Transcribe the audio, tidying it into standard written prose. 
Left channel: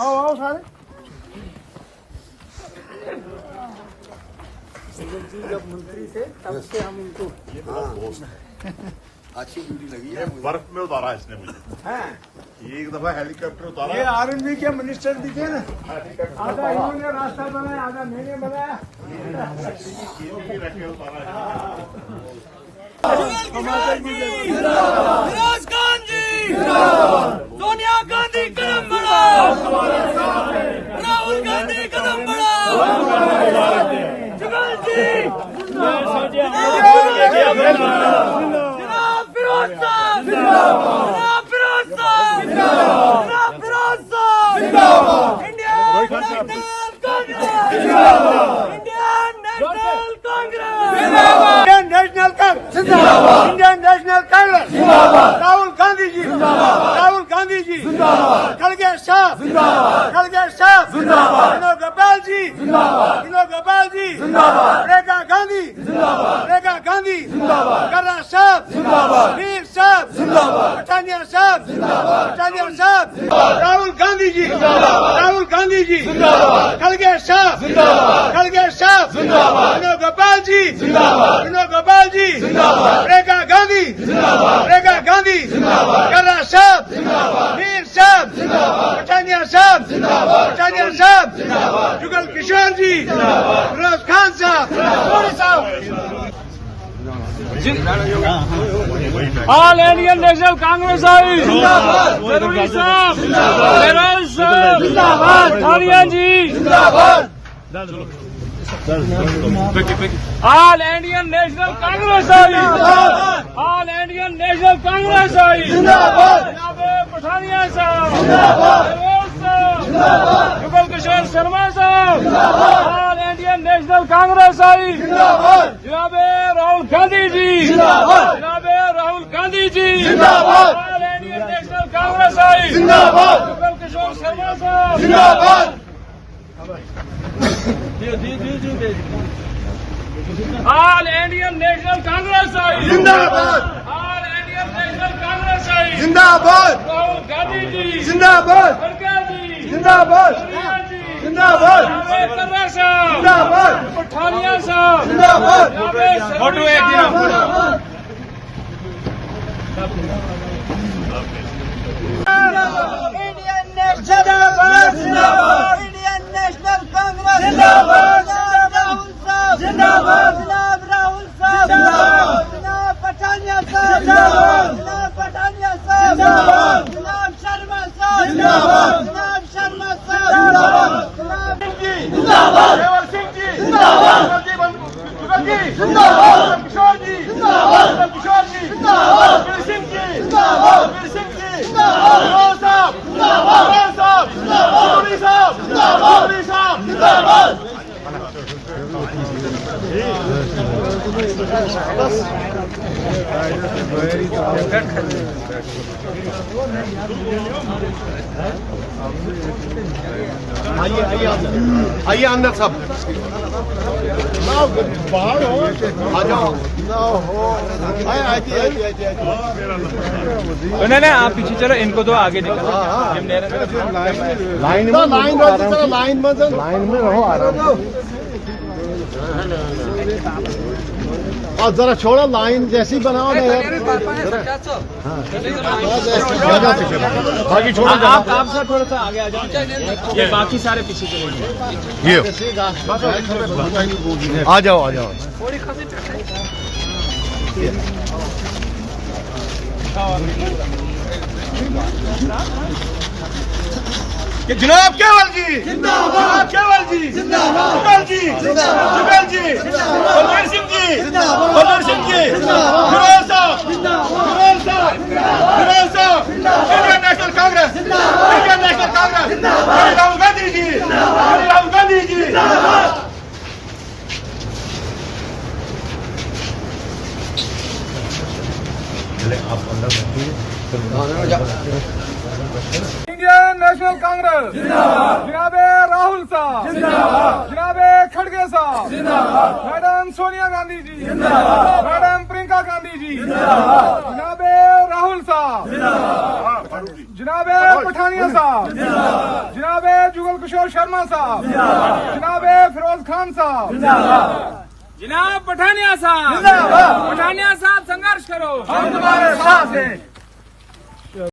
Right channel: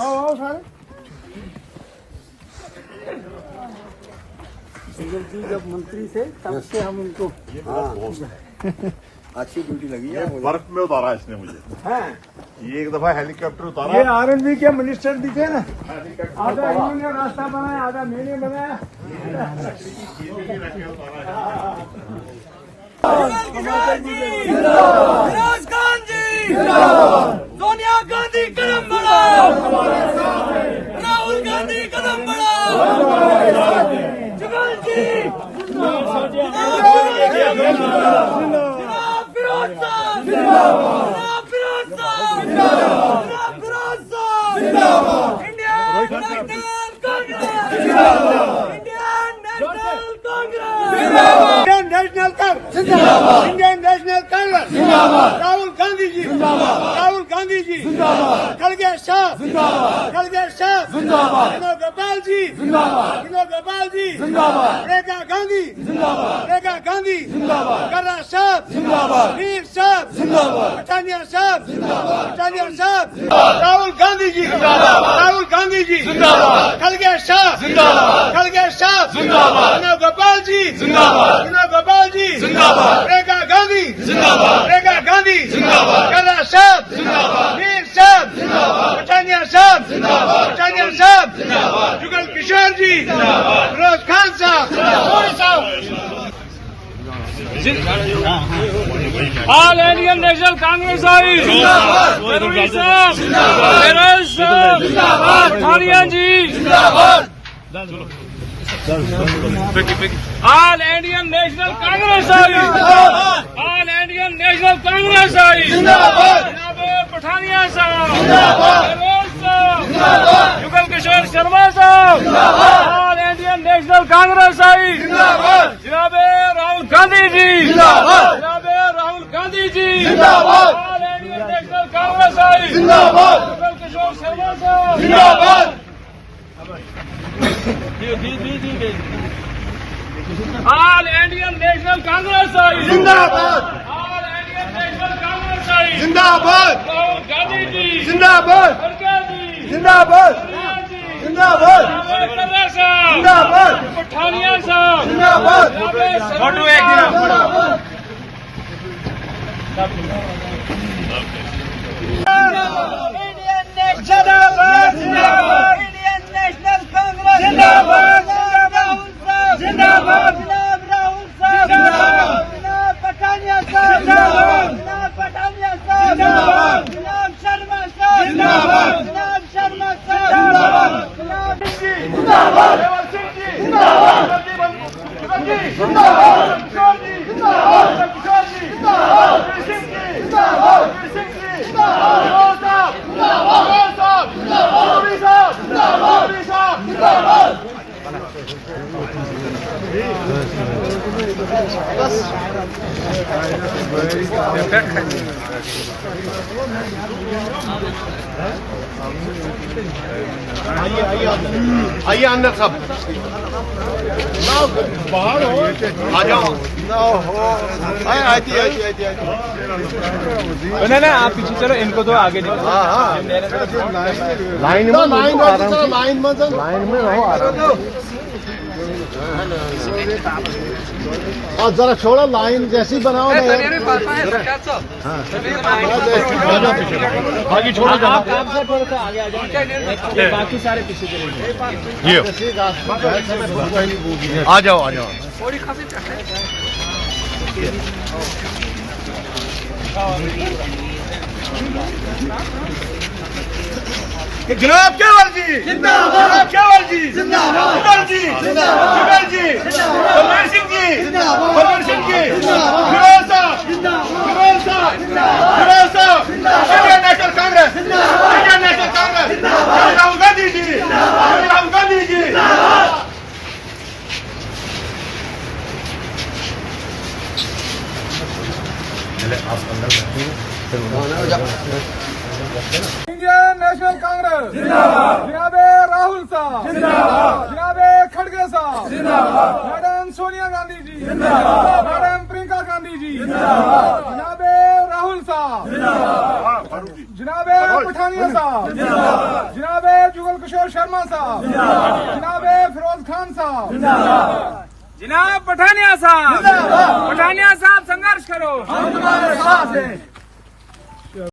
आओ आओ सारे। जी जब मंत्री थे तब से हम उनको अच्छी ड्यूटी लगी है। बर्फ में उतारा इसने मुझे। ये एक दफा हेलीकॉप्टर उतारा। ये आरएनबी के मिनिस्टर भी थे ना, आधा इन्होंने रास्ता बनाया आधा मैंने बनाया। फिरोज खान जी सोनिया गांधी कदम बढ़ाओ, राहुल गांधी कदम बढ़ाओ, जुगल जी जनाब फिरोज साहब, जनाब फिरोज साहब, जनाब फिरोज साहब, Indian National Congress, Indian National Congress, Indian National Congress जिंदाबाद, इंडियन नेशनल कांग्रेस जिंदाबाद, राहुल गांधी जी जिंदाबाद, राहुल गांधी जी जिंदाबाद, खड़गे साहब जिंदाबाद, खड़गे साहब जिंदाबाद, विनोद गोपाल जी जिंदाबाद, विनोद गोपाल जी जिंदाबाद, रेखा गांधी जिंदाबाद, रेखा गांधी जिंदाबाद, कर्रा साहब जिंदाबाद, वीर साहब जिंदाबाद, पठानिया साहब जिंदाबाद, पठानिया साहब जिंदाबाद, राहुल गांधी जी जिंदाबाद, राहुल गांधी जी जिंदाबाद, खड़गे साहब जिंदाबाद, खड़गे साहब जिंदाबाद, विनोद गोपाल जी जिंदाबाद, विनोद गोपाल जी जिंदाबाद, रेखा गांधी जिंदाबाद, रेखा गांधी जिंदाबाद, कर्रा साहब जिंदाबाद, वीर साहब जिंदाबाद, पठानिया साहब जिंदाबाद, पठानिया साहब जिंदाबाद, जुगल किशोर जी जिंदाबाद, फिरोज खान साहब ऑल इंडियन नेशनल कांग्रेस आई जिंदाबाद, फिरोज साहब जिंदाबाद, मारिया जी जिंदाबाद, ऑल इंडियन नेशनल कांग्रेस आई, ऑल इंडियन नेशनल कांग्रेस आई जिंदाबाद, जनाब पठानिया साहब जिंदाबाद, फिरोज साहब जिंदाबाद, जुगल किशोर शर्मा साहब जिंदाबाद, ऑल इंडियन नेशनल कांग्रेस आई जिंदाबाद, जनाब राहुल गांधी जी जिंदाबाद, जनाब राहुल गांधी जी जिंदाबाद, ऑल इंडियन नेशनल कांग्रेस आई जिंदाबाद, जुगल किशोर शर्मा साहब जिंदाबाद, ऑल इंडियन नेशनल कांग्रेस आई जिंदाबाद, ऑल इंडियन नेशनल कांग्रेस आई जिंदाबाद, राहुल गांधी जी जिंदाबाद, खड़गे जी जिंदाबाद, जिंदाबाद, कर्रा साहब जिंदाबाद, पठानिया साहब जिंदाबाद, फोटो एक इंडियन नेशनल कांग्रेस जिंदाबाद, राहुल साहब जिंदाबाद, जनाब राहुल साहब जिंदाबाद, जनाब पठानिया साहब जिंदाबाद, जनाब पठानिया साहब जिंदाबाद, जनाब शर्मा साहब जिंदाबाद, जनाब शर्मा साहब जिंदाबाद, जनाब जिंदाबाद, रेवल सिंह जी जिंदाबाद, जुगल जी जिंदाबाद, किशोर जी जिंदाबाद, किशोर जी जिंदाबाद, वीर सिंह जी जिंदाबाद, वीर सिंह जी जिंदाबाद, फिरोज साहब जिंदाबाद, फिरोज साहब जिंदाबाद, वीर साहब जिंदाबाद, वीर साहब जिंदाबाद। आइए अंदर सब आ जाओ। नहीं नहीं आप पीछे चलो, इनको तो आगे निकलो। लाइन में रहो और जरा छोड़ो, लाइन जैसी बनाओ बाकी छोड़ो। आप सर थोड़ा सा आगे आ जाओ, ये बाकी सारे पीछे चलेंगे। आ जाओ आ जाओ। जनाब केवल जी जिंदाबाद, केवल जी जिंदाबाद, जुगल जी जुगल जी, बलवीर सिंह जी बलवीर सिंह जी, फिरोज साहब फिरोज साहब फिरोज साहब, Indian National Congress, Indian National Congress, Rahul Gandhi ji, Rahul Gandhi ji. Indian National Congress जिंदाबाद, जनाबे राहुल साहब जिंदाबाद, जनाबे खड़गे साहब जिंदाबाद, मैडम सोनिया गांधी जी जिंदाबाद, मैडम प्रियंका गांधी जी जिंदाबाद, जनाबे राहुल साहब जिंदाबाद, जनाबे पठानिया साहब जिंदाबाद, जनाबे कमल किशोर शर्मा साहब जनाब फिरोज खान साहब जनाब पठानिया साहब, पठानिया साहब संघर्ष करो। हम तुम्हारे साथ हैं।